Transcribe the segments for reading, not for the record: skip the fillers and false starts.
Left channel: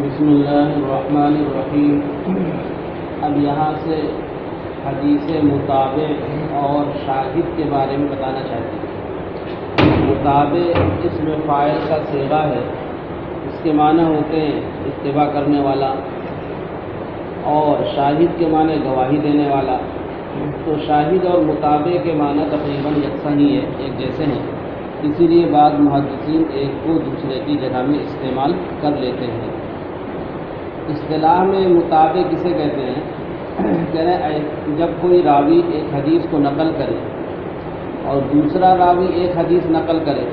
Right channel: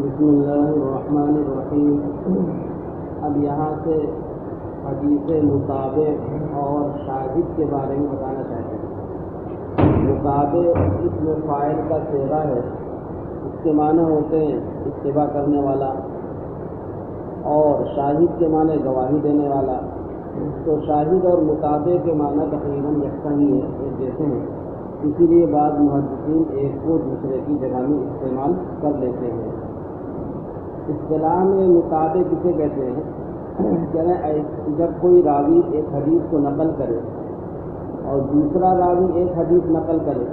بسم اللہ الرحمن الرحیم۔ اب یہاں سے حدیث مطابع اور شاہد کے بارے میں بتانا چاہتے ہیں۔ مطابع اسم فاعل کا صیغہ ہے، اس کے معنی ہوتے ہیں اتباع کرنے والا، اور شاہد کے معنی گواہی دینے والا۔ تو شاہد اور مطابع کے معنی تقریباً یکساں ہی ہے، ایک جیسے ہیں، اسی لیے بعض محدثین ایک کو دوسرے کی جگہ میں استعمال کر لیتے ہیں۔ اصطلاح میں مطابع کسے کہتے ہیں؟ جب کوئی راوی ایک حدیث کو نقل کرے اور دوسرا راوی ایک حدیث نقل کرے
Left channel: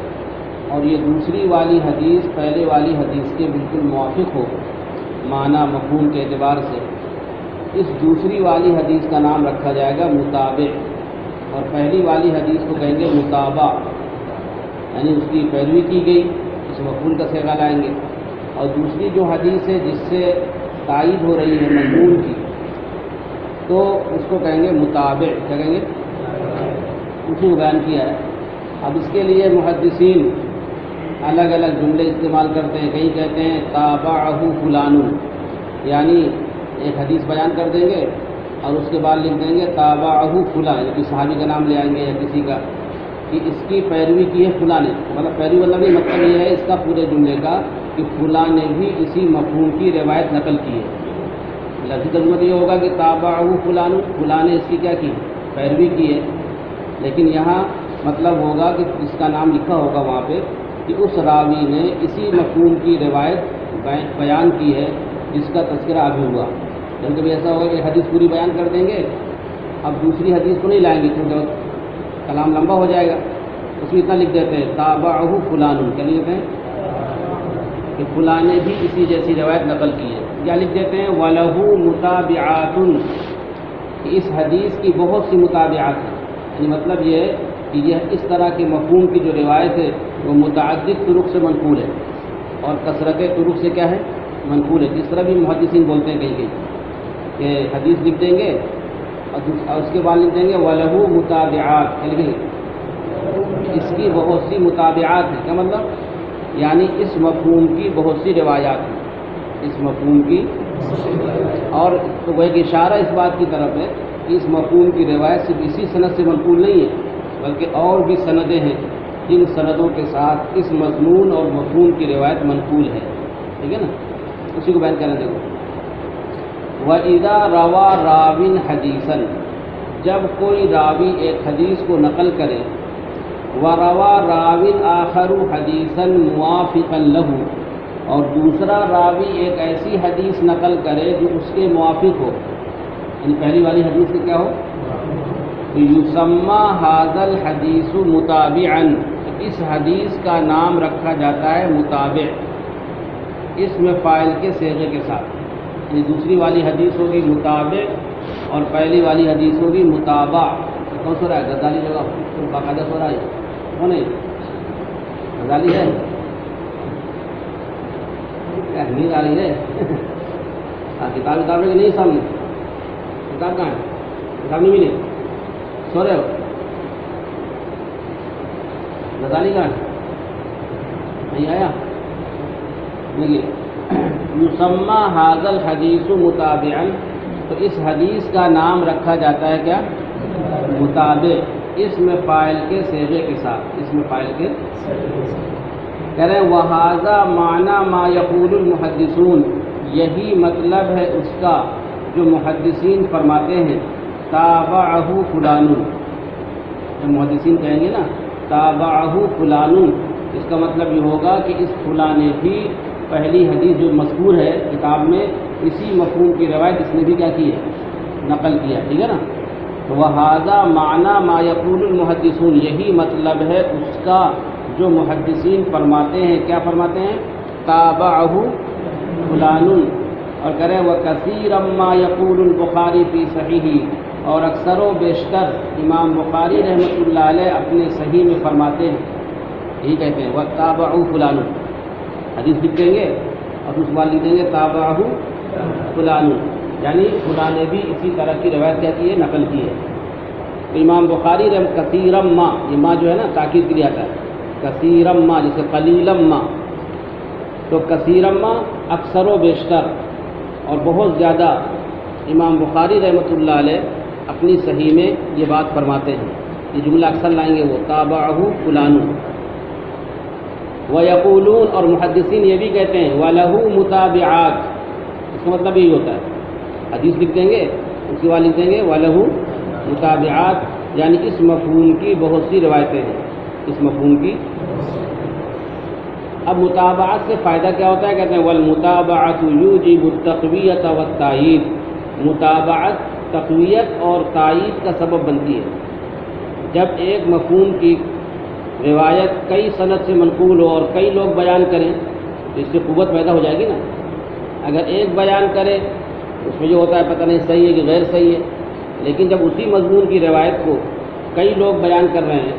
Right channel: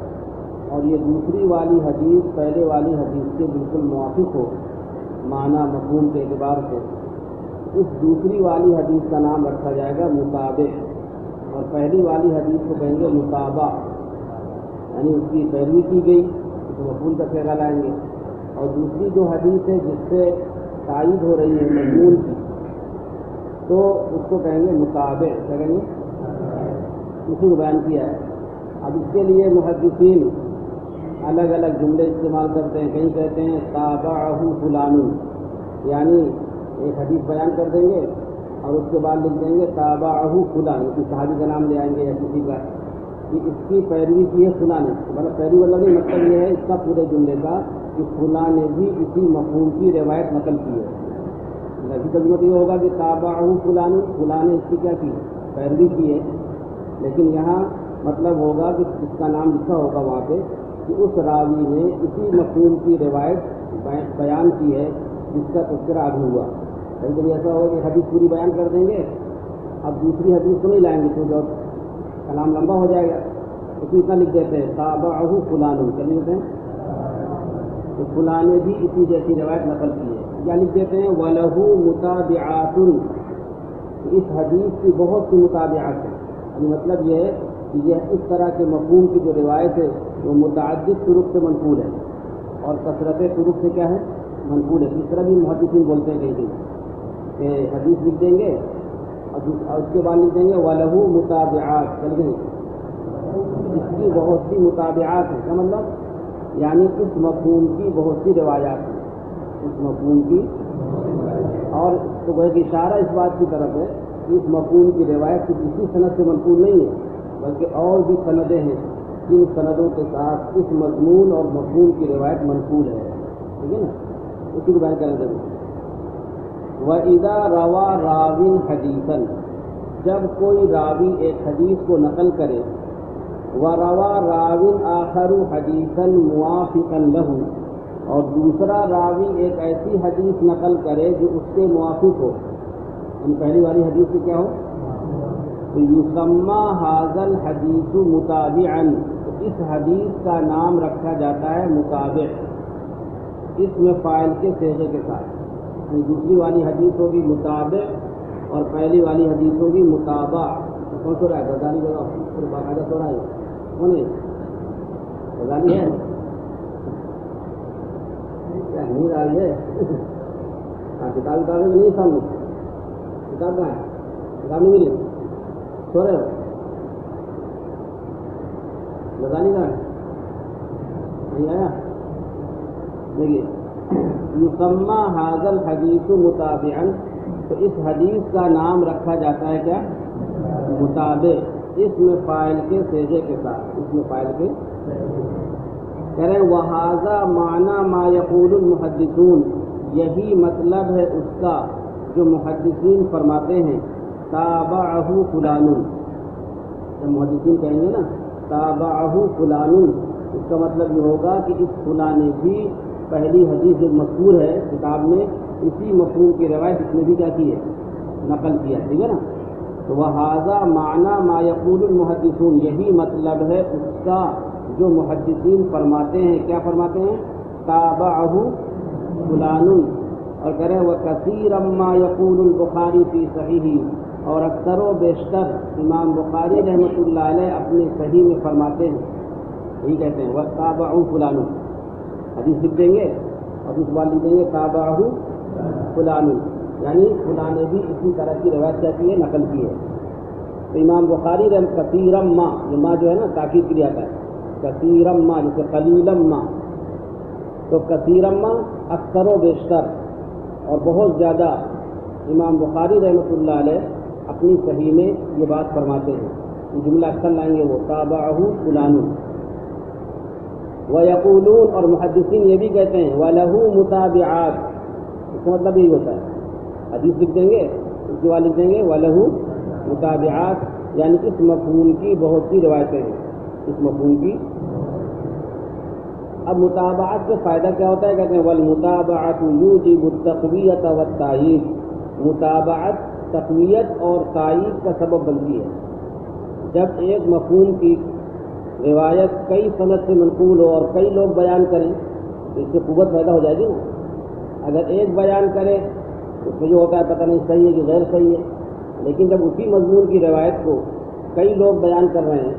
اور یہ دوسری والی حدیث پہلے والی حدیث کے بالکل موافق ہو معنی مفہوم کے اعتبار سے، اس دوسری والی حدیث کا نام رکھا جائے گا مطابع، اور پہلی والی حدیث کو کہیں گے مطابع، یعنی اس کی پیروی کی گئی، اس مفعول کا صیغہ لائیں گے۔ اور دوسری جو حدیث ہے جس سے تائید ہو رہی ہے مضمون کی، تو اس کو کہیں گے مطابع، کیا کہیں گے؟ اسی کو بیان کیا ہے۔ اب اس کے لیے محدثین الگ الگ جملے استعمال کرتے ہیں، کہیں کہتے ہیں تابعہ فلان، یعنی ایک حدیث بیان کر دیں گے اور اس کے بعد لکھ دیں گے تابعہ فلاں، یعنی صحابی کا نام لے آئیں گے یا کسی کا کہ اس کی پیروی کی ہے فلاں نے، مطلب پیروی مطلب نہیں، مطلب یہ ہے اس کا پورے جملے کا کہ فلاں نے بھی اسی مفہوم کی روایت نقل کی ہے۔ لفظی ترجمہ یہ ہوگا کہ تابعہ فلاں، فلاں نے اس کی کیا کی؟ پیروی کی ہے، لیکن یہاں مطلب ہوگا کہ اس کا نام لکھا ہوگا وہاں پہ کہ اس راوی نے اسی مفہوم کی روایت بیان کی ہے جس کا تذکرہ آگے ہوا۔ جب کبھی ایسا ہوگا کہ حدیث پوری بیان کر دیں گے، اب دوسری حدیث کو نہیں لائیں گے کیونکہ کلام لمبا ہو جائے گا، اس میں اتنا لکھ دیتے ہیں تابعہ فلان، کیا لکھتے ہیں کہ فلاں نے بھی اسی جیسی روایت نقل کی ہے۔ کیا لکھ دیتے ہیں وَلَهُ مُتَابِعَاتٌ، کہ اس حدیث کی بہت سی متابعات ہیں، یعنی مطلب یہ ہے کہ یہ اس طرح کے مفہوم کی جو روایت ہے وہ متعدد طرق سے منقول ہے، اور کثرت طرق سے کیا ہے؟ منقول ہے۔ جس طرح بھی محدثین بولتے ہیں کہیں کہ حدیث لکھ دیں گے اور اس کے بعد لکھ دیں گے وَلَهُ مُتَابِعَات، کیا لکھیں گے؟ اس کی بہت سی متابعات ہیں، کیا مطلب؟ یعنی اس مفہوم کی بہت سی روایات ہیں، اس مفہوم کی، اور وہ ایک اشارہ اس بات کی طرف ہے کہ اس مفہوم کی روایت صرف اسی سند سے منقول نہیں ہے، بلکہ اور بھی سندیں ہیں جن سندوں کے ساتھ اس مضمون اور مفہوم کی روایت منقول ہے، ٹھیک ہے نا؟ اسی کو بیان کرنا دیکھو۔ وَإِذَا رَوَى رَاوٍ حَدِيثًا، جب کوئی راوی ایک حدیث کو نقل کرے، وَرَوَى رَاوٍ آخَرُ حَدِيثًا مُوَافِقًا لَهُ، اور دوسرا راوی ایک ایسی حدیث نقل کرے جو اس کے موافق ہو، یعنی پہلی والی حدیث سے کیا ہو؟ تو یسمى هذا الحدیث متابعا، اس حدیث کا نام رکھا جاتا ہے مطابع، اس میں فاعل کے صیغے کے ساتھ، یعنی دوسری والی حدیث ہوگی مطابع اور پہلی والی حدیث ہوگی مطابع۔ کون سو رہا ہے؟ غزالی جگہ باقاعدہ سو رہا ہے کون ہے؟ غزالی ہے؟ کیا نیند آ رہی ہے؟ کتاب اتاب کی نہیں سامنے؟ کتاب کہاں ہے؟ کتاب نہیں ملی؟ سو رہے ہو؟ غزالی کہاں ہے؟ نہیں آیا؟ دیکھیے یسمى هذا الحدیث متابعا، تو اس حدیث کا نام رکھا جاتا ہے کیا؟ مطابع، اس میں فاعل کے صیغے کے ساتھ، اس میں فاعل کے کہہ رہے ہیں وَهَذَا مَعْنَى مَا يَقُولُ الْمُحَدِّثُونَ، یہی مطلب ہے اس کا جو محدثین فرماتے ہیں تابعہ فلان، جو محدثین کہیں گے نا تابعہ فلان، اس کا مطلب یہ ہوگا کہ اس فلاں نے بھی پہلی حدیث جو مذکور ہے کتاب میں اسی مفہوم کی روایت اس نے بھی کیا کی ہے؟ نقل کیا، ٹھیک ہے نا؟ وَهَذَا مَعْنَى مَا يَقُولُ الْمُحَدِّثُونَ، یہی مطلب ہے اس کا جو محدثین فرماتے ہیں، کیا فرماتے ہیں؟ تابعہ فلان، اور کرے وَكَثِيرًا مَا يَقُولُ الْبُخَارِي فِي صَحِيحِهِ، اور اکثر و بیشتر امام بخاری رحمۃ اللہ علیہ اپنے صحیح میں فرماتے ہیں، یہی کہتے ہیں وَتَابَعُوا فُلَانٌ، حدیث لکھ دیں گے اور اس بعد لکھ دیں گے تابعہ فلان، یعنی فلاں نے بھی اسی طرح کی روایت کیا کی ہے؟ نقل کی ہے۔ تو امام بخاری کثیرم ما، یہ ما جو ہے نا تاکید کے لیے آتا ہے، کثیرم ما جیسے قلیلم ما، تو کثیرما اکثر و بیشتر اور بہت زیادہ امام بخاری رحمۃ اللہ علیہ اپنی صحیح میں یہ بات فرماتے ہیں. یہ جملہ اکثر لائیں گے وہ تابعہ فلان. وَيَقُولُونَ اور محدثین یہ بھی کہتے ہیں وَلَهُ مُتَابِعَاتٌ. اس کا مطلب یہی ہوتا ہے حدیث لکھ دیں گے اس کے بعد لکھ دیں گے وَلَهُ مُتَابِعَاتٌ، یعنی اس مفہوم کی بہت سی روایتیں ہیں. اس مفہوم کی اب متابعت سے فائدہ کیا ہوتا ہے؟ کہتے ہیں وَالْمُتَابَعَةُ يُوجِبُ التَّقْوِيَةَ وَالتَّأْيِيدَ. متابعت تقویت اور تائید کا سبب بنتی ہے. جب ایک مفہوم کی روایت کئی سند سے منقول ہو اور کئی لوگ بیان کریں تو اس سے قوت پیدا ہو جائے گی نا. اگر ایک بیان کرے اس میں جو ہوتا ہے پتہ نہیں صحیح ہے کہ غیر صحیح ہے، لیکن جب اسی مضمون کی روایت کو کئی لوگ بیان کر رہے ہیں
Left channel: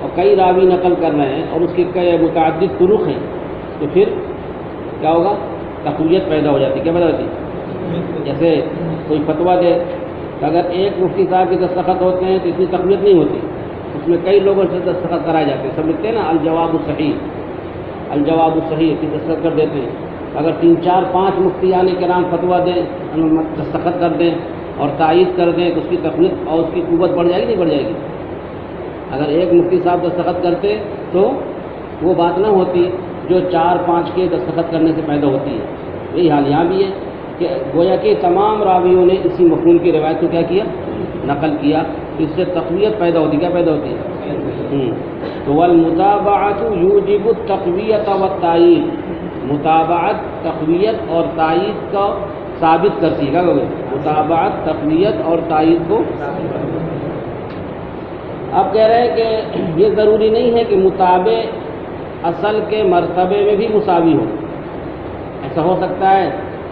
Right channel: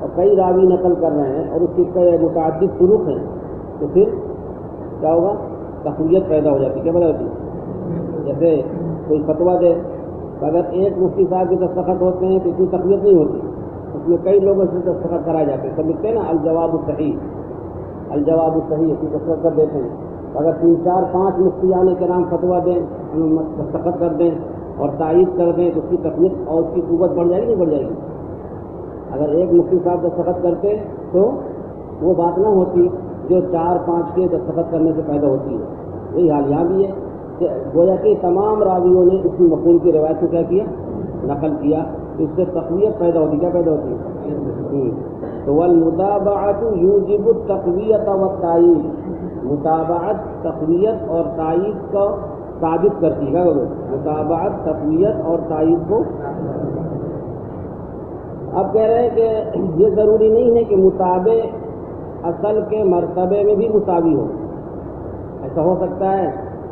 اور کئی راوی نقل کر رہے ہیں اور اس کے کئی متعدد طرق ہیں تو پھر کیا ہوگا؟ تقویت پیدا ہو جاتی. کیا پیدا ہوتی؟ جیسے کوئی فتویٰ دے تو اگر ایک مفتی صاحب کے دستخط ہوتے ہیں تو اتنی تقویت نہیں ہوتی، اس میں کئی لوگوں سے دستخط کرائے جاتے ہیں. سب لکھتے ہیں نا الجواب الصحیح، الجواب الصحیح کی دستخط کر دیتے ہیں. اگر 3 4 5 مفتیان کرام فتویٰ دیں، دستخط کر دیں اور تائید کر دیں تو اس کی تقویت اور اس کی قوت بڑھ جائے گی نہیں بڑھ جائے گی؟ اگر ایک مفتی صاحب دستخط کرتے تو وہ بات نہ ہوتی جو 4 5 کے دستخط کرنے سے پیدا ہوتی ہے. یہی حال یہاں بھی ہے کہ گویا کہ تمام راویوں نے اسی مفہوم کی روایت کو کیا کیا؟ نقل کیا. اس سے تقویت پیدا ہوتی. کیا پیدا ہوتی ہے؟ تو والمتابعۃ یوجب التقویۃ والتأیید. متابعت تقویت اور تائید کو ثابت کرتی ہے. کیا کہو گے؟ متابعت تقویت اور تائید کو. اب کہہ رہے ہیں کہ یہ ضروری نہیں ہے کہ متابع اصل کے مرتبے میں بھی مساوی ہو. ایسا ہو سکتا ہے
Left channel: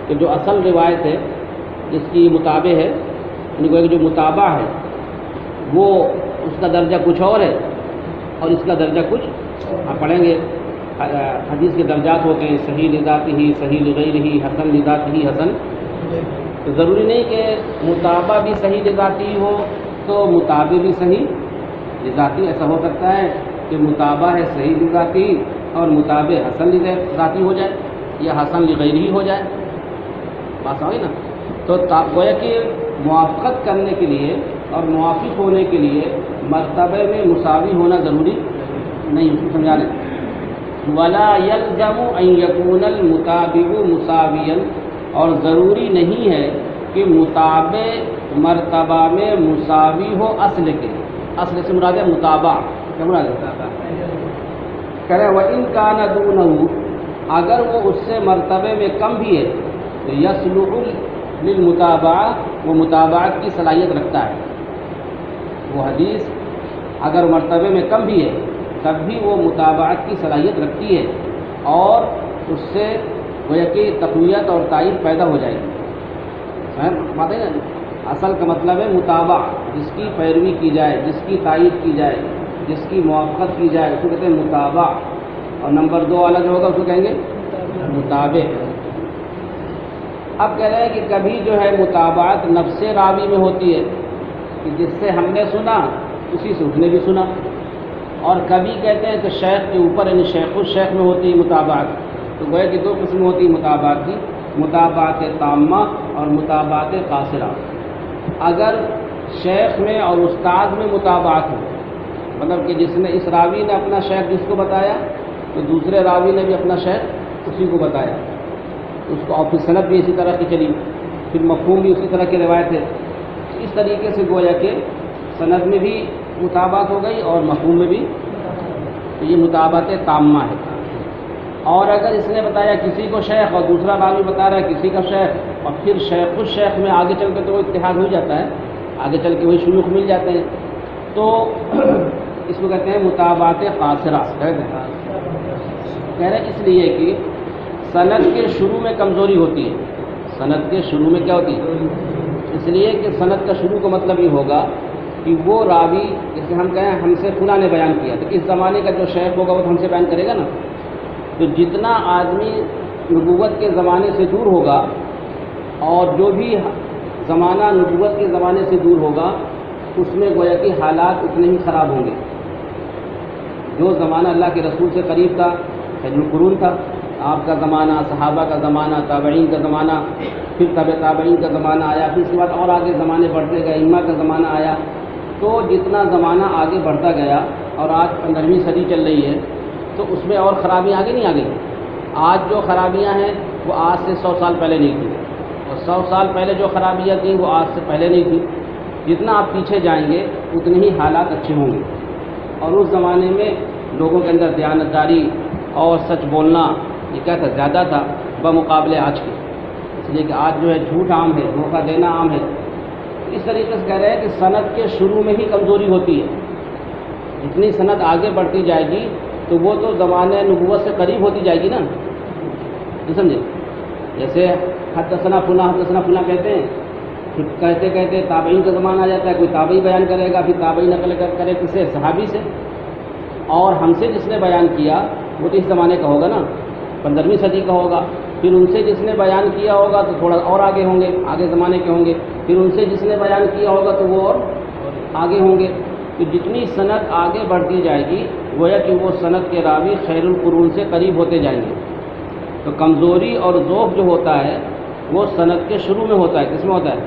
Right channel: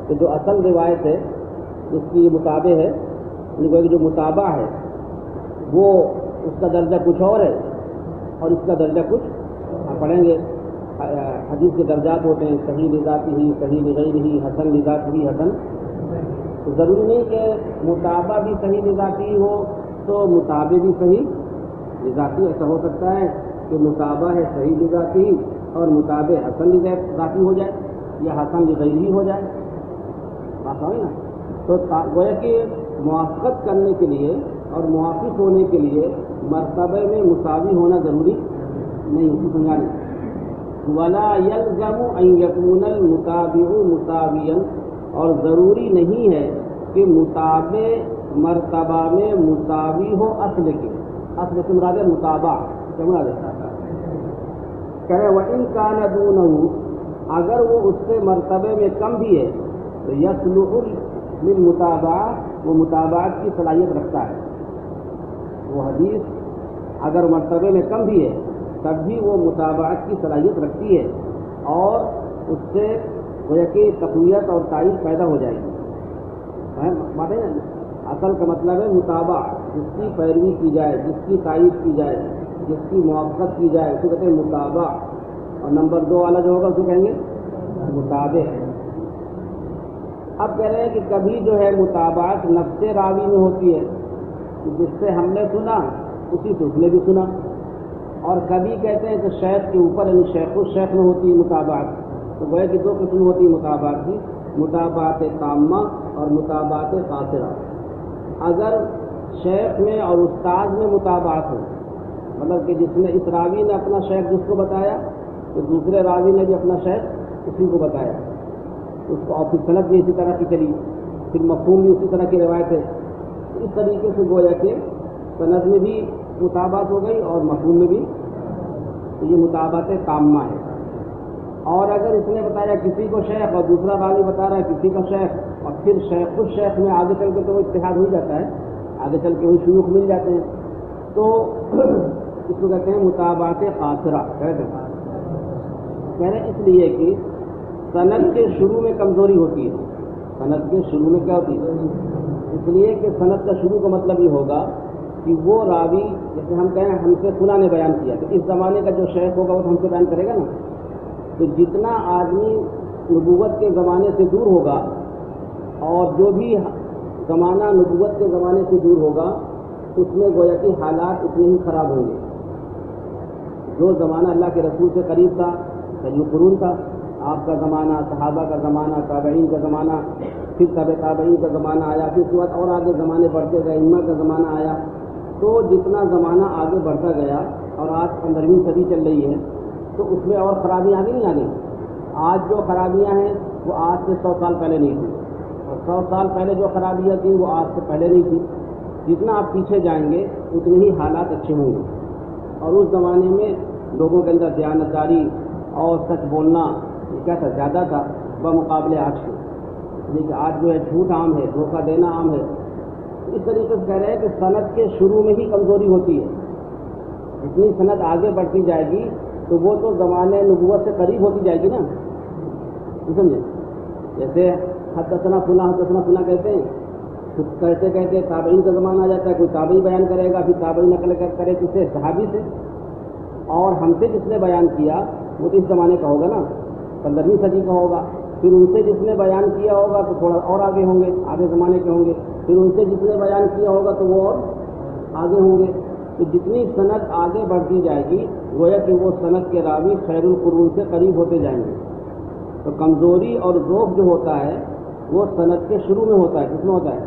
کہ جو اصل روایت ہے جس کی متابع ہے، یعنی جو متابع ہے وہ اس کا درجہ کچھ اور ہے اور اس کا درجہ کچھ. آپ پڑھیں گے حدیث کے درجات ہوتے ہیں صحیح لذاتہ ہی، صحیح لغیرہ ہی، حسن لذاتہ ہی، حسن. تو ضروری نہیں کہ متابع بھی صحیح لذاتی ہو تو متابع بھی صحیح لذاتی. ایسا ہو سکتا ہے کہ متابع ہے صحیح لذاتی اور متابع حسن لذاتی ہو جائے یا حسن لغیرہ ہو جائے. بات سمجھ نا؟ تو گویا کہ موافقت کرنے کے لیے اور موافق ہونے کے لیے مرتبے میں مساوی ہونا ضروری نہیں. اس کو سمجھا رہے وَلَا يَلْزَمُ أَن يَكُونَ الْمُتَابِعُ مُسَاوِيًا. اور ضروری نہیں ہے کہ متابع مرتبہ میں مساوی ہو اصل کے. اصل سے مراد ہے متابع. کیا مراد ہے؟ کہہ رہے وَإِن كَانَ دُونَهُ، اگر وہ اس سے مرتبے میں کم بھی ہے تو يَصْلُحُ لِلْمُتَابَعَةِ، وہ متابعت کی صلاحیت رکھتا ہے. وہ حدیث اگر مرتبے میں کم بھی ہے تب بھی وہ متابعت کی صلاحیت رکھتی ہے اور اس سے گویا کہ تقویت اور تائید پیدا ہو جائے گی. بات ہے نا؟ اصل کا مطلب ہے متابع، جس کی پیروی کی جائے، جس کی تائید کی جائے، جس کی موافقت کی جائے، اس کو کہتے ہیں متابع. اور نمبر 2 والا جو ہوگا اس کو کہیں گے متابع. اب کہہ رہے ہیں کہ کبھی جو ہے متابعت نفس راوی میں ہوتی ہے کہ جس سے ہم نے سنا اسی سے اس نے بھی سنا، اور کبھی کہتے ہیں کہ شیخ کے اوپر یعنی شیخ الشیخ میں ہوتی ہے متابعت. تو گویا کہ 2 قسم ہوتی ہے متابعت کی، متابعت تامہ اور متابعت قاصرہ. اگر شیخ میں اور استاد میں متابعت ہو، مطلب کہ جس نے اس راوی نے اپنا شیخ جس کو بتایا تو دوسرے راوی نے بھی اپنا شیخ اسی کو بتایا، اس کو اور پھر سند بھی اسی طرح کی چلی، پھر مفہوم بھی اسی طرح کی روایت ہے. اس طریقے سے گویا کہ سند میں بھی متابعت ہو گئی اور مفہوم میں بھی. تو یہ متابعت تامہ ہے. اور اگر اس نے بتایا کسی کو شیخ اور دوسرا راوی بتا رہا ہے کسی کا شیخ اور پھر شیخ الشیخ میں آگے چل کے تو وہ اتحاد ہو جاتا ہے، آگے چل کے وہی شیوخ مل جاتے ہیں، تو اس کو کہتے ہیں متابعت قاصرہ. کہہ رہے اس لیے کہ سند کے شروع میں کمزوری ہوتی ہے. سند کے شروع میں کیا ہوتی ہے؟ اس لیے کہ سند کا شروع کا مطلب یہ ہوگا کہ وہ راوی جیسے ہم کہیں ہم سے فلاں نے بیان کیا تو اس زمانے کا جو شیخ ہوگا وہ ہم سے بیان کرے گا نا. تو جتنا آدمی نبوت کے زمانے سے دور ہوگا اور جو بھی زمانہ نبوت کے زمانے سے دور ہوگا اس میں گویا کہ حالات اتنے ہی خراب ہوں گے. جو زمانہ اللہ کے رسول سے قریب تھا، خیر القرون تھا، آپ کا زمانہ، صحابہ کا زمانہ، تابعین کا زمانہ، پھر تابعین کا زمانہ آیا، پھر اس کے بعد اور آگے زمانے بڑھتے گئے، ائمہ کا زمانہ آیا. تو جتنا زمانہ آگے بڑھتا گیا اور آج 15ویں صدی چل رہی ہے تو اس میں اور خرابیاں آگے نہیں آ گئی. آج جو خرابیاں ہیں وہ آج سے 100 سال پہلے نہیں تھیں، اور 100 سال پہلے جو خرابیاں تھیں وہ آج سے پہلے نہیں تھیں. جتنا آپ پیچھے جائیں گے اتنے ہی حالات اچھے ہوں گے. اور اس زمانے میں لوگوں کے اندر دیانتداری اور سچ بولنا یہ کیا تھا، زیادہ تھا بمقابلے آج کے. اس لیے کہ آج جو ہے جھوٹ عام ہے، دھوکہ دینا عام ہے. اس طریقے سے کہہ رہے ہیں کہ صنعت کے شروع میں ہی کمزوری ہوتی ہے. جتنی صنعت آگے بڑھتی جائے گی تو وہ تو زمانے نبوت سے قریب ہوتی جائے گی نا. نہیں سمجھے؟ جیسے حدثنا فلاں کہتے ہیں، پھر کہتے کہتے تابعین کا زمانہ آ جاتا ہے، کوئی تابعی بیان کرے گا، پھر تابعی نقل کرے کسے، صحابی سے. اور ہم سے جس نے بیان کیا وہ تو اس زمانے کا ہوگا نا، 15ویں صدی کا ہوگا. پھر ان سے جس نے بیان کیا ہوگا تو تھوڑا اور آگے ہوں گے، آگے زمانے کے ہوں گے. پھر ان سے جس نے بیان کیا ہوگا تو وہ اور آگے ہوں گے. تو جتنی صنعت آگے بڑھتی جائے گی گویا کہ وہ صنعت کے راوی خیر القرون سے قریب ہوتے جائیں گے. تو کمزوری اور ذوق جو ہوتا ہے وہ صنعت کے شروع میں ہوتا ہے. کس میں ہوتا ہے؟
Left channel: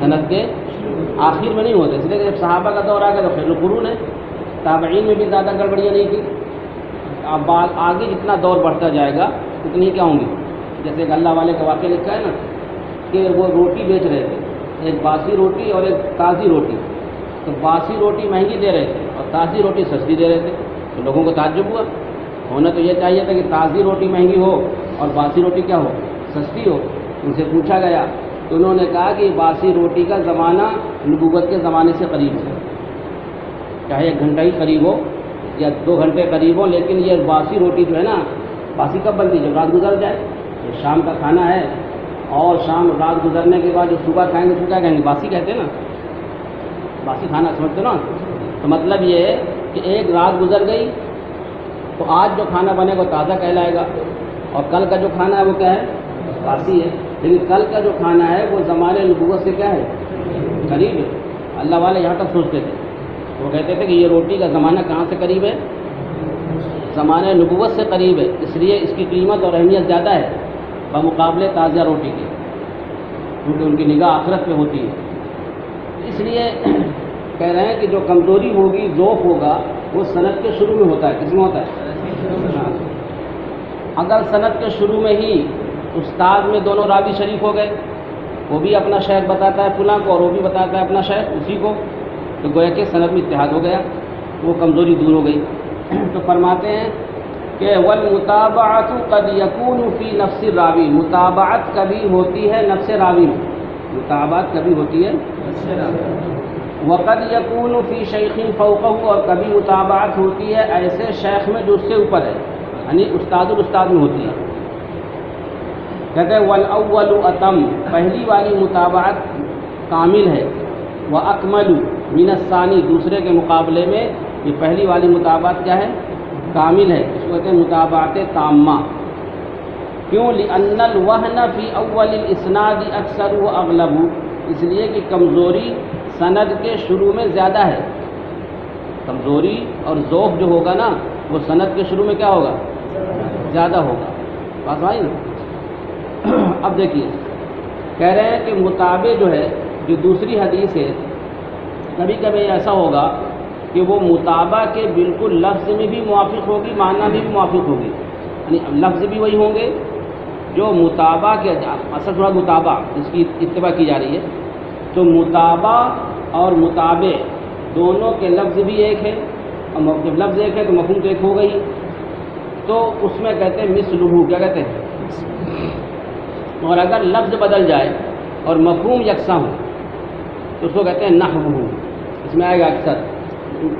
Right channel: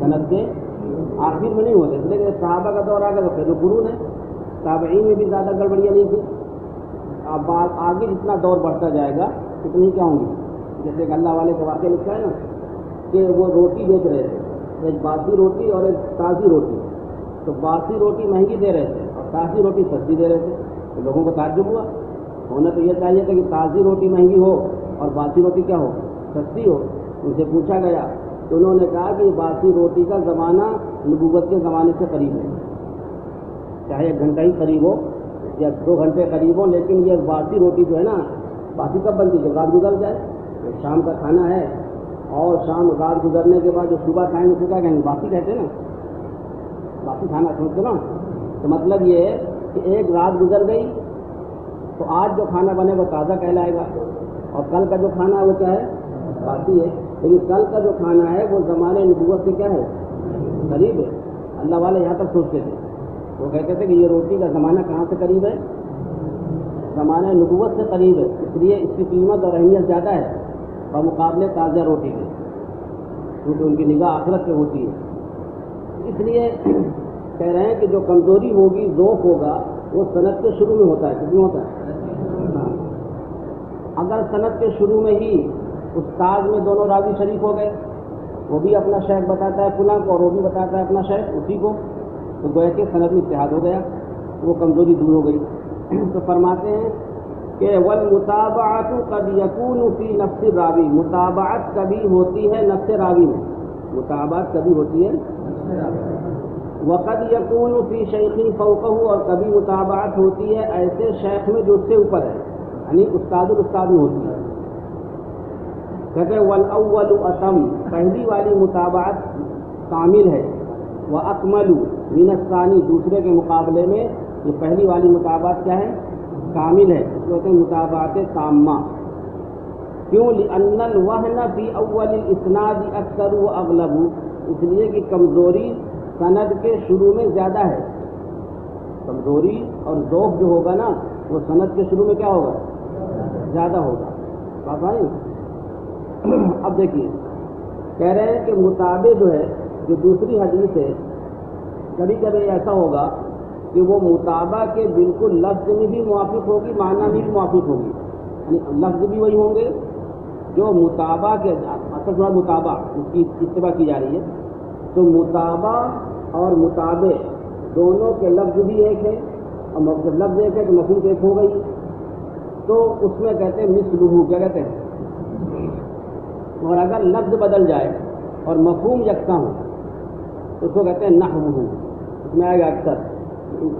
صنعت کے آخر میں نہیں ہوتا. اس لیے کہ جب صحابہ کا دور آ گیا تو خیر القرون ہے. تابعین میں بھی زیادہ گڑبڑیاں نہیں تھیں. اب آگے جتنا دور بڑھتا جائے گا اتنی کیا ہوں گی. جیسے کہ اللہ والے کا واقعہ لکھا ہے نا کہ وہ روٹی بیچ رہے تھے، ایک باسی روٹی اور ایک تازی روٹی. تو باسی روٹی مہنگی دے رہے تھے اور تازی روٹی سستی دے رہے تھے. تو لوگوں کو تعجب ہوا. ہونا تو یہ چاہیے تھا کہ تازی روٹی مہنگی ہو اور باسی روٹی کیا ہو، سستی ہو. ان سے پوچھا گیا تو انہوں نے کہا کہ باسی روٹی کا زمانہ نبوت کے زمانے سے قریب ہے. چاہے 1 گھنٹہ ہی قریب ہو یا 2 گھنٹے قریب ہو، لیکن یہ باسی روٹی جو ہے نا، باسی کب بنتی ہے؟ جب رات گزر جائے. شام کا کھانا ہے اور شام رات گزرنے کے بعد جو صبح کھائیں گے تو کیا کہیں گے؟ باسی کہتے ہیں نا، باسی کھانا سمجھتے نا. تو مطلب یہ ہے کہ ایک رات گزر گئی تو آج جو کھانا بنے گا وہ تازہ کہلائے گا، اور کل کا جو کھانا ہے وہ کیا ہے؟ باسی ہے. لیکن کل کا جو کھانا ہے وہ زمانے نبوت سے کیا ہے؟ قریب ہے. اللہ والے یہاں تک سوچتے تھے. وہ کہتے تھے کہ یہ روٹی کا زمانہ کہاں سے قریب ہے؟ زمانہ نبوت سے قریب ہے. اس لیے اس کی قیمت اور اہمیت زیادہ ہے بمقابلے تازہ روٹی کے، کیونکہ ان کی نگاہ آخرت پہ ہوتی ہے. اس لیے کہہ رہے ہیں کہ جو کمزوری ہوگی، ذوق ہوگا، وہ صنعت کے شروع میں ہوتا ہے. کس میں ہوتا ہے؟ اگر صنعت کے شروع میں ہی استاد میں دونوں راوی شریک ہو گئے، وہ بھی اپنا شیخ بتاتا ہے فلاں کو اور وہ بھی بتاتا ہے اپنا شیخ اسی کو، تو گویا کہ صنعت میں اتحاد ہو گیا، وہ کمزوری دور ہو گئی. تو فرماتے ہیں کہ والمتابعۃ قد یکون فی نفس الراوی، متابعت کبھی ہوتی ہے نفس راوی میں، متابعت کبھی ہوتی ہے نفس راوی. وقد یکون فی شیخ فوقہ، اور کبھی متابعت ہوتی ہے ایسے شیخ میں جو اس سے اوپر ہے، یعنی استاد الاستاد میں ہوتی ہے. کہتے ہیں والاول اتم، پہلی والی متابعت کامل ہے. واکمل من الثانی، دوسرے کے مقابلے میں یہ پہلی والی متابعت کیا ہے؟ کامل ہے. اس کو کہتے ہیں متابعت تامہ. کیوں؟ لأن الوہن فی اول الاسناد اکثر و اغلب، اس لیے کہ کمزوری سند کے شروع میں زیادہ ہے. کمزوری اور ذوق جو ہوگا نا وہ سند کے شروع میں کیا ہوگا؟ زیادہ ہوگا. بات آئی نا؟ اب دیکھیے کہہ رہے ہیں کہ متابع جو ہے، جو دوسری حدیث ہے، کبھی کبھی ایسا ہوگا کہ وہ متابع کے بالکل لفظ میں بھی موافق ہوگی، معنی میں بھی موافق ہوگی. یعنی لفظ بھی وہی ہوں گے جو متابع کے، اصل تھوڑا متابع اس کی اتباع کی جا رہی ہے. تو متابع اور متابع دونوں کے لفظ بھی ایک ہے، اور جب لفظ ایک ہے تو مفہوم تو ایک ہو گئی. تو اس میں کہتے ہیں مثلہ، کیا کہتے ہیں؟ اور اگر لفظ بدل جائے اور مفہوم یکساں ہو تو اس کو کہتے ہیں نحوہ. اس میں آئے گا اکثر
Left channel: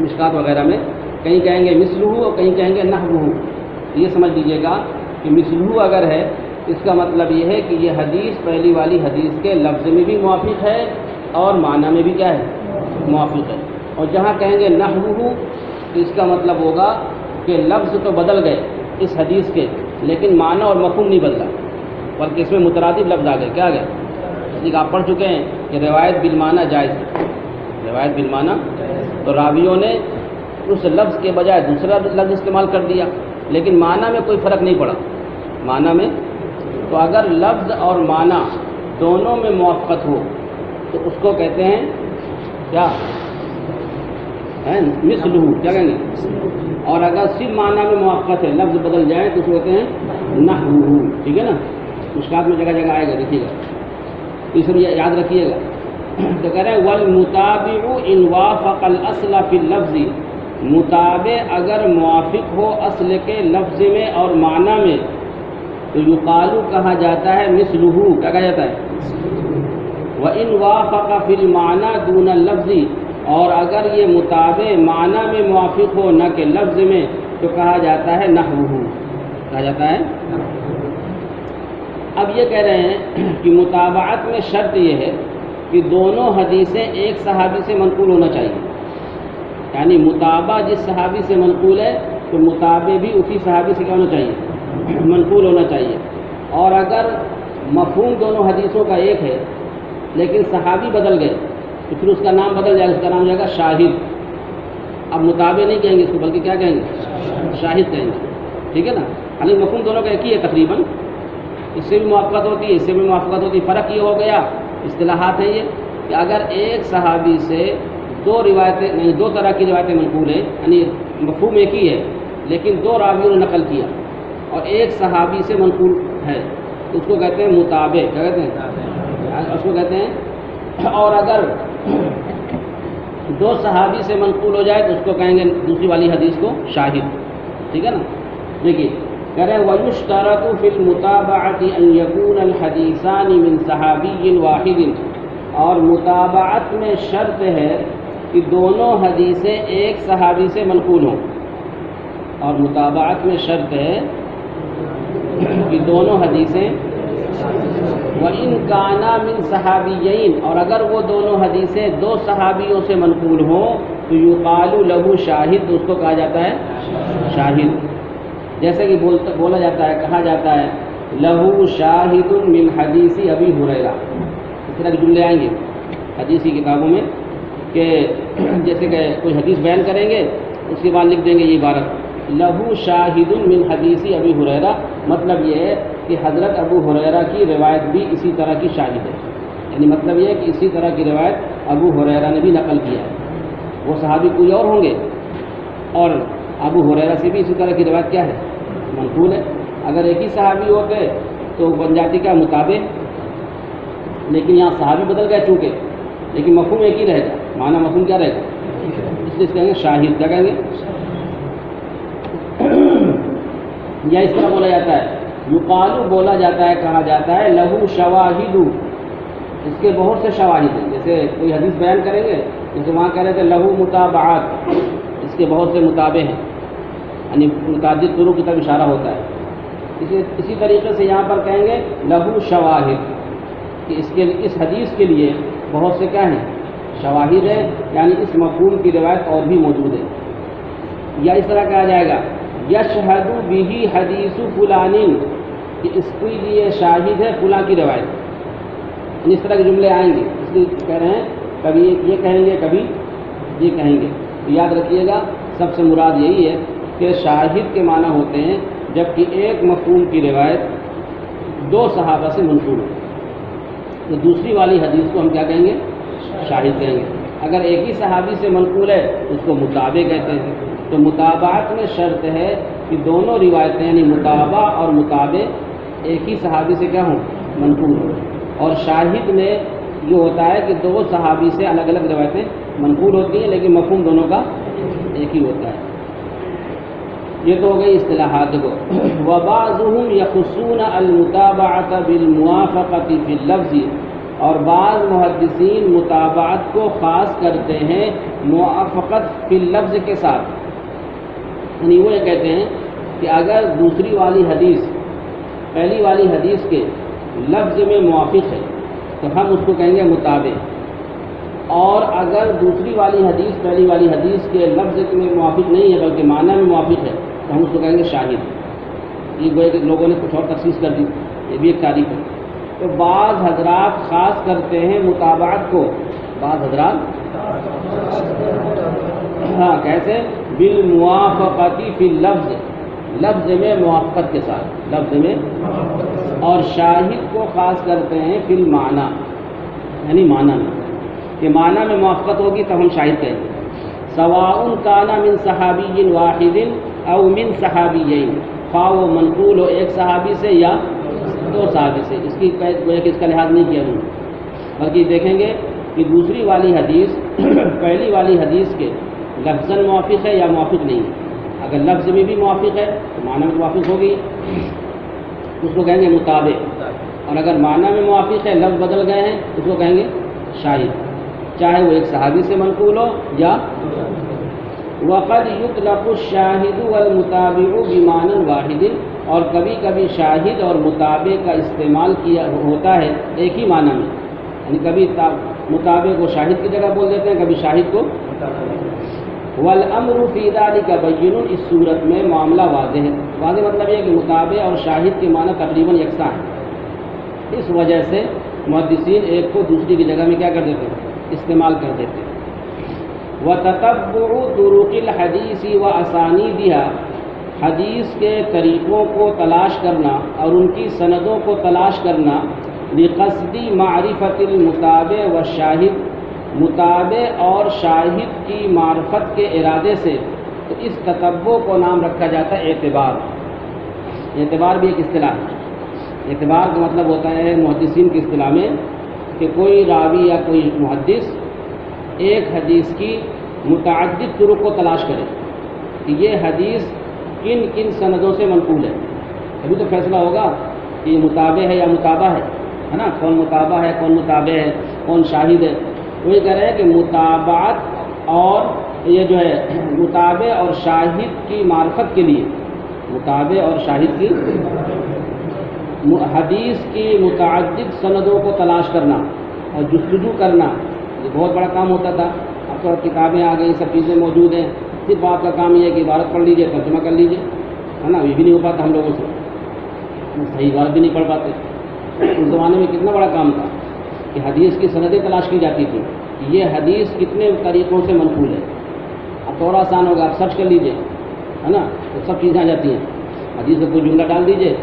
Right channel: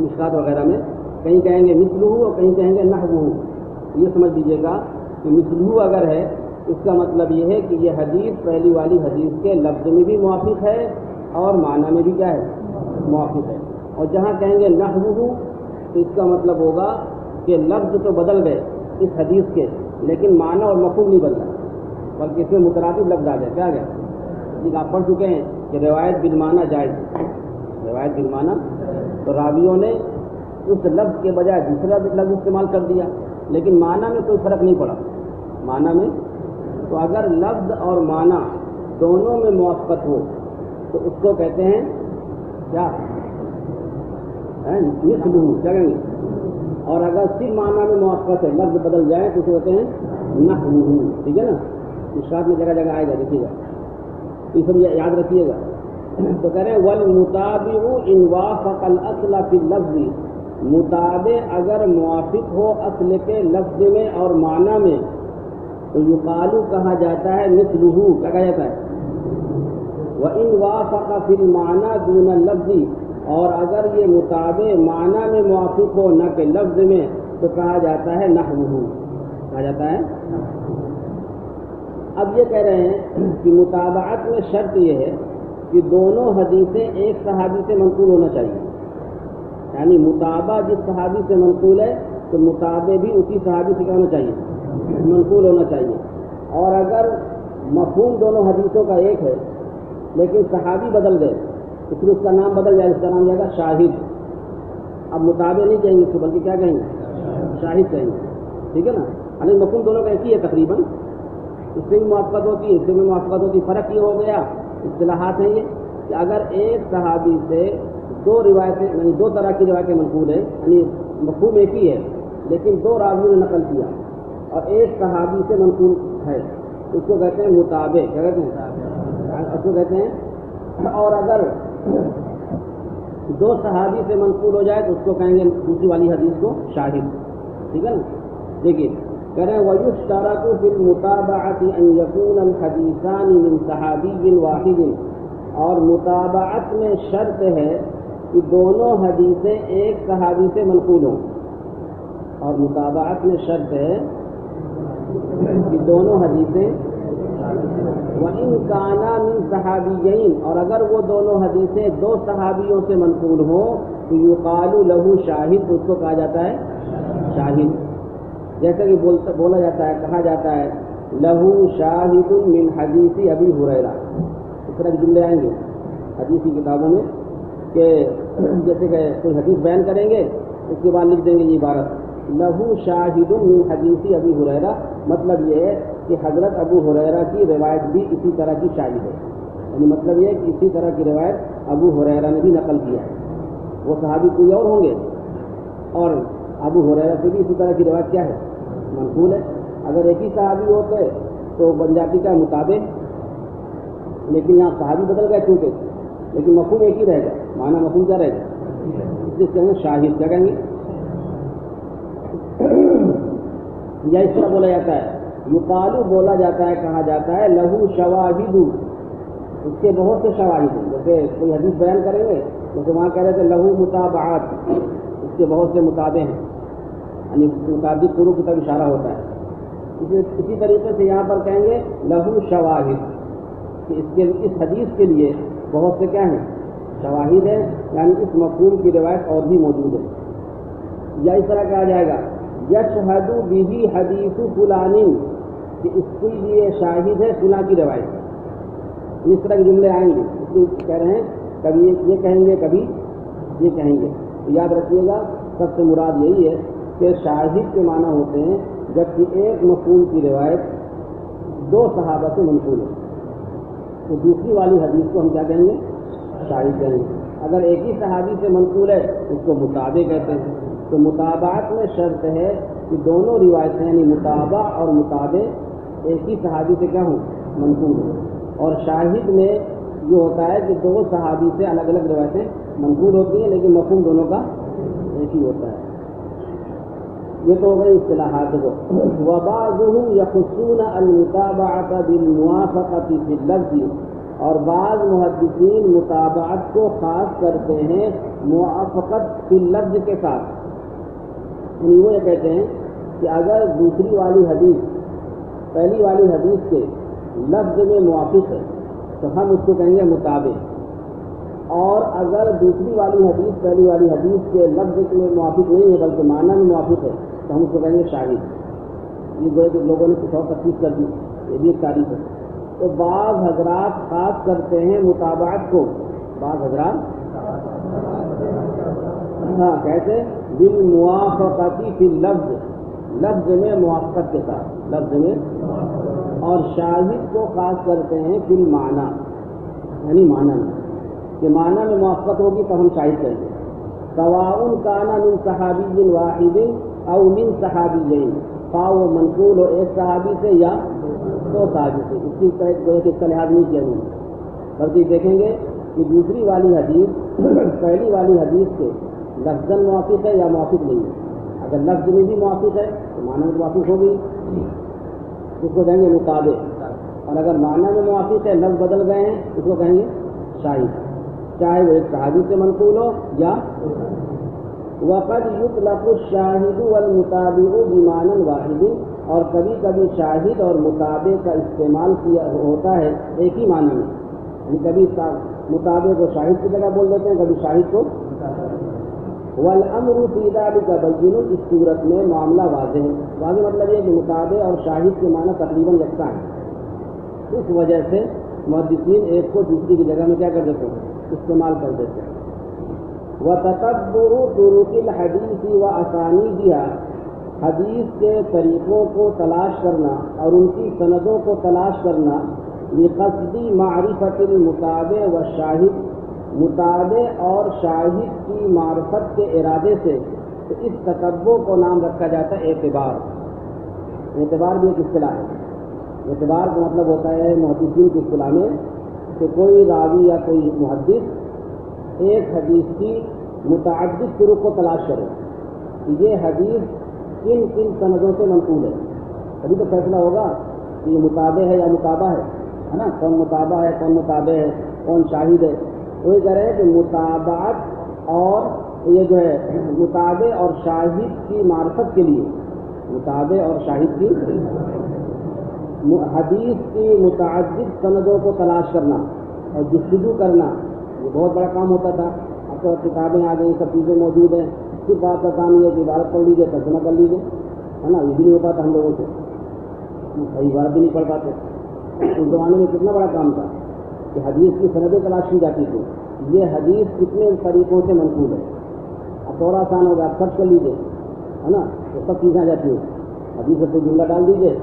مشکات وغیرہ میں، کہیں کہیں گے مثلہ اور کہیں کہیں گے نحوہ. یہ سمجھ لیجیے گا کہ مثلہ اگر ہے اس کا مطلب یہ ہے کہ یہ حدیث پہلی والی حدیث کے لفظ میں بھی موافق ہے اور معنی میں بھی کیا ہے؟ موافق ہے. اور جہاں کہیں گے نحوہ تو اس کا مطلب ہوگا کہ لفظ تو بدل گئے اس حدیث کے، لیکن معنی اور مفہوم نہیں بدلا، بلکہ اس میں مترادف لفظ آ گئے. کیا آ گئے؟ اس لیے آپ پڑھ چکے ہیں کہ روایت بالمعنی جائز ہے. روایت بالمعنی تو راویوں نے اس لفظ کے بجائے دوسرا لفظ استعمال کر دیا، لیکن معنی میں کوئی فرق نہیں پڑا. معنی میں. تو اگر لفظ اور معنی دونوں میں موافقت ہو تو اس کو کہتے ہیں کیا؟ مثلہ، کیا کہیں گے؟ اور اگر صرف معنی میں موافقت ہے، لفظ بدل جائے تو اس کو کہتے ہیں نحوہ. ٹھیک ہے نا؟ مشکات میں جگہ جگہ آئے گا، دیکھیے گا، یہ سب یاد رکھیے گا. تو کہہ رہے ہیں والمتابع ان وافق الاصل فی اللفظ، متابع اگر موافق ہو اصل کے لفظ میں اور معنی میں تو یقال کہا جاتا ہے مثلہ، کیا کہا جاتا ہے؟ وَإِنْ وَافَقَ فِي الْمَعْنَى دُونَ اللَّفْظِ، اور اگر یہ متابع معنی میں موافق ہو نہ کہ لفظ میں تو کہا جاتا ہے نحوہ، کہا جاتا ہے. اب یہ کہہ رہے ہیں کہ متابعت میں شرط یہ ہے کہ دونوں حدیثیں ایک صحابی سے منقول ہونا چاہیے. یعنی متابع جس صحابی سے منقول ہے تو متابع بھی اسی صحابی سے کیا ہونا چاہیے؟ منقول ہونا چاہیے. اور اگر مفہوم دونوں حدیثوں کا ایک ہے لیکن صحابی بدل گئے تو پھر اس کا نام بدل جائے گا، اس کا نام جائے گا شاہد. اب متابع نہیں کہیں گے اس کو، بلکہ کیا کہیں گے؟ شاہد کہیں گے. ٹھیک ہے نا؟ یعنی مفہوم دونوں کا ایک ہی ہے تقریباً، اس سے بھی موافقت ہوتی ہے، اس سے بھی موافقت ہوتی ہے. فرق یہ ہو گیا، اصطلاحات ہیں یہ کہ اگر ایک صحابی سے دو روایتیں نہیں، دو طرح کی روایتیں منقول ہیں، یعنی مفہوم ایک ہی ہے لیکن دو راویوں نے نقل کیا اور ایک صحابی سے منقول ہے تو اس کو کہتے ہیں متابع. کیا کہتے ہیں؟ اس کو کہتے ہیں. اور اگر دو صحابی سے منقول ہو جائے تو اس کو کہیں گے دوسری والی حدیث کو شاہد. ٹھیک ہے نا؟ دیکھیے کہہ رہے وَيُشْتَرَطُ فِي الْمُتَابَعَةِ أَنْ يَكُونَ الْحَدِيثَانِ مِنْ صَحَابِيٍّ وَاحِدٍ، اور متابعت میں شرط ہے کہ دونوں حدیثیں ایک صحابی سے منقول ہوں. اور متابعت میں شرط ہے کہ دونوں حدیثیں وَإِنْ كَانَا مِنْ صَحَابِيَّيْنِ، اور اگر وہ دونوں حدیثیں دو صحابیوں سے منقول ہوں تو یقال لہ شاہد، اس کو کہا جاتا ہے شاہد. جیسے کہ بولا جاتا ہے، کہا جاتا ہے لہو شاہد من حدیث ابی ہریرہ. اس طرح کے جملے آئیں گے حدیث کی کتابوں میں کہ جیسے کہ کوئی حدیث بیان کریں گے اس کے بعد لکھ دیں گے یہ عبارت لہو شاہد من حدیث ابی ہریرہ. مطلب یہ ہے کہ حضرت ابو ہریرہ کی روایت بھی اسی طرح کی شاہد ہے. یعنی مطلب یہ ہے کہ اسی طرح کی روایت ابو ہریرہ نے بھی نقل کیا ہے. وہ صحابی کوئی اور ہوں گے اور ابو ہریرہ سے بھی اسی طرح کی روایت کیا ہے؟ منقول ہے. اگر ایک ہی صحابی ہوتے تو بن جاتی کا مطابق، لیکن یہاں صحابی بدل گئے چونکہ، لیکن مفہوم ایک ہی رہے گا. معنی مفہوم کیا رہے گا؟ اس لیے کہیں گے شاہد. کیا کہیں گے؟ یا اس طرح بولا جاتا ہے یقال، بولا جاتا ہے، کہا جاتا ہے لہو شواہد، اس کے بہت سے شواہد ہیں. جیسے کوئی حدیث بیان کریں گے، جیسے وہاں کہہ رہے تھے لہو متابعات، اس کے بہت سے متابع ہیں، یعنی متعدد طرق کی طرف اشارہ ہوتا ہے. اسی طریقے سے یہاں پر کہیں گے لہو شواہد، کہ اس حدیث کے لیے بہت سے کیا ہیں؟ شواہد ہے، یعنی اس مفہوم کی روایت اور بھی موجود ہے. یا اس طرح کہا جائے گا یشہد بہ حدیث فلان، کہ اس کے لیے شاہد ہے فلاں کی روایت. اس طرح کے جملے آئیں گے. اس لیے کہہ رہے ہیں کبھی یہ کہیں گے کبھی یہ کہیں گے. تو یاد رکھیے گا سب سے مراد یہی ہے کہ شاہد کے معنی ہوتے ہیں جبکہ ایک مفہوم کی روایت دو صحابہ سے منقول ہو تو دوسری والی حدیث کو ہم کیا کہیں گے؟ شاہد کہیں گے. اگر ایک ہی صحابی سے منقول ہے اس کو متابع کہتے ہیں. تو متابعت میں شرط ہے کہ دونوں روایتیں یعنی متابع اور متابع ایک ہی صحابی سے کیا ہوں؟ منقول ہوں. اور شاہد میں یہ ہوتا ہے کہ دو صحابی سے الگ الگ روایتیں منقول ہوتی ہیں لیکن مفہوم دونوں کا ایک ہی ہوتا ہے. یہ تو ہو گئی اصطلاحات کو. وبعضهم يخصون المتابعة بالموافقة في اللفظ، اور بعض محدثین متابعت کو خاص کرتے ہیں موافقت فی اللفظ کے ساتھ. یعنی وہ یہ کہتے ہیں کہ اگر دوسری والی حدیث پہلی والی حدیث کے لفظ میں موافق ہے تو ہم اس کو کہیں گے متابع، اور اگر دوسری والی حدیث پہلی والی حدیث کے لفظ میں موافق نہیں ہے بلکہ معنی میں موافق ہے تو ہم اس کو کہیں گے شاہد. یہ گویا کہ لوگوں نے کچھ اور تخصیص کر دی، یہ بھی ایک تعریف ہے. تو بعض حضرات خاص کرتے ہیں متابعت کو، بعض حضرات کیسے؟ بالموافقت فی اللفظ، لفظ میں موافقت کے ساتھ. لفظ میں، اور شاہد کو خاص کرتے ہیں فی المعنی، یعنی معنی میں، کہ معنی میں موافقت ہوگی تب ہم شاہد کہیں گے. سواء کان من صحابی واحد او من صحابیین، خواہ وہ منقول ہو ایک صحابی سے یا دو صحابی سے. اس کی اس کا لحاظ نہیں کیا انہوں نے، بلکہ دیکھیں گے کہ دوسری والی حدیث پہلی والی حدیث کے لفظاً موافق ہے یا موافق نہیں ہے. اگر لفظ میں بھی موافق ہے تو معنی میں موافق ہوگی، اس کو کہیں گے مطابق، اور اگر معنی میں موافق ہے لفظ بدل گئے ہیں اس کو کہیں گے شاہد، چاہے وہ ایک صحابی سے منقول ہو یا. وقد یطلق الشاہد والمتابع بمعنی واحد، اور کبھی کبھی شاہد اور متابع کا استعمال کیا ہوتا ہے ایک ہی معنی میں، یعنی کبھی متابع کو شاہد کی جگہ بول دیتے ہیں، کبھی شاہد کو. والامر فی ذلک بین، اس صورت میں معاملہ واضح ہے. واضح مطلب یہ کہ متابع اور شاہد کے معنی تقریباً یکساں ہیں، اس وجہ سے محدثین ایک کو دوسری کی جگہ میں کیا کر دیتے ہیں، استعمال کر دیتے ہیں. وتتبع طرق الحدیث واسانیدها، حدیث کے طریقوں کو تلاش کرنا اور ان کی سندوں کو تلاش کرنا، لقصد معرفت المتابع والشاہد، متابع اور شاہد کی معرفت کے ارادے سے. تو اس تتبع کو نام رکھا جاتا ہے اعتبار. اعتبار بھی ایک اصطلاح ہے. اعتبار کا مطلب ہوتا ہے محدثین کی اصطلاح میں کہ کوئی راوی یا کوئی محدث ایک حدیث کی متعدد طرق کو تلاش کرے کہ یہ حدیث کن کن سندوں سے منقول ہے. ابھی تو فیصلہ ہوگا کہ یہ متابع ہے یا متابع ہے نا، کون متابع ہے کون متابع ہے کون شاہد ہے. وہ یہ کہہ رہے ہیں کہ متابعت اور یہ جو ہے متابع اور شاہد کی معرفت کے لیے، متابع اور شاہد کی حدیث کی متعدد سندوں کو تلاش کرنا اور جستجو کرنا، یہ بہت بڑا کام ہوتا تھا. اب تو کتابیں آ گئی، سب چیزیں موجود ہیں، صرف آپ کا کام یہ ہے کہ عبارت پڑھ لیجیے، ترجمہ کر لیجیے، ہے نا. یہ بھی نہیں ہو پاتا ہم لوگوں سے، صحیح بات بھی نہیں پڑھ پاتے. اس زمانے میں کتنا بڑا کام تھا کہ حدیث کی سندیں تلاش کی جاتی تھی کہ یہ حدیث کتنے طریقوں سے منقول ہے. اب تھوڑا آسان ہوگا، آپ سرچ کر لیجیے، ہے نا، تو سب چیزیں آ جاتی ہیں. حدیث کا کوئی جملہ ڈال دیجیے،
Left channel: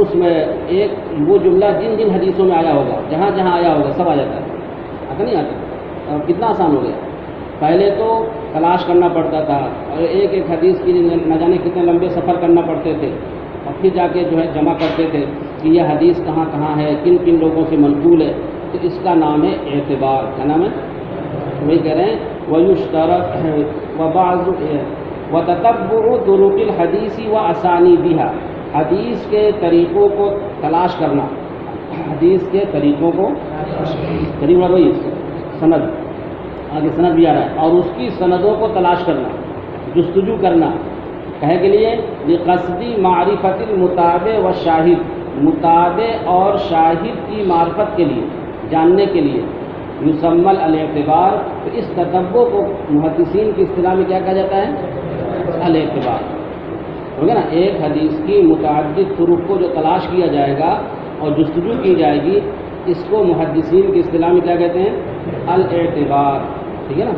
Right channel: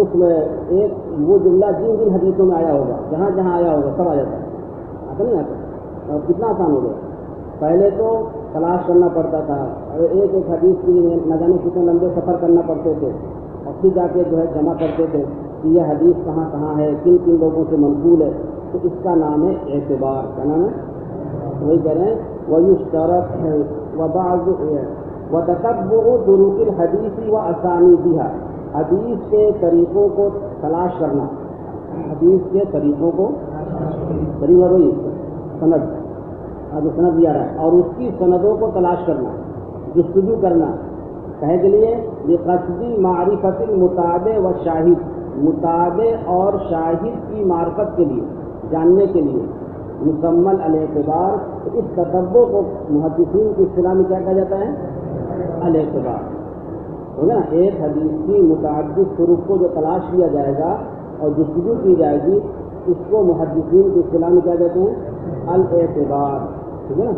اس میں ایک وہ جملہ جن جن حدیثوں میں آیا ہوگا، جہاں جہاں آیا ہوگا سب آ جاتا ہے. ایسا نہیں آتا. اور کتنا آسان ہو گیا. پہلے تو تلاش کرنا پڑتا تھا اور ایک ایک حدیث کی نہ جانے کتنے لمبے سفر کرنا پڑتے تھے، اور پھر جا کے جو ہے جمع کرتے تھے کہ یہ حدیث کہاں کہاں ہے، کن کن لوگوں سے منقول ہے. تو اس کا نام ہے اعتبار. کیا نام ہے؟ وہی کہہ رہے ہیں وَيُشْتَرَطُ وَتَتَبُّعُ طُرُقِ الْحَدِيثِ وَأَسَانِيدِهَا، حدیث کے طریقوں کو تلاش کرنا، حدیث کے طریقوں کو طریقہ وہی سند، آگے سند بھی آ رہا ہے، اور اس کی سندوں کو تلاش کرنا، جستجو کرنا. کہنے کے لیے لقصد معرفت المتابع والشاہد، متابع اور شاہد کی معرفت کے لیے، جاننے کے لیے. یسمى الاعتبار، تو اس تتبع کو محدثین کی اصطلاح میں کیا کہا جاتا ہے؟ الاعتبار. ٹھیک ہے نا. ایک حدیث کی متعدد طرق کو جو تلاش کیا جائے گا اور جستجو کی جائے گی، اس کو محدثین کی اصطلاح میں کیا کہتے ہیں؟ الاعتبار. ٹھیک ہے نا.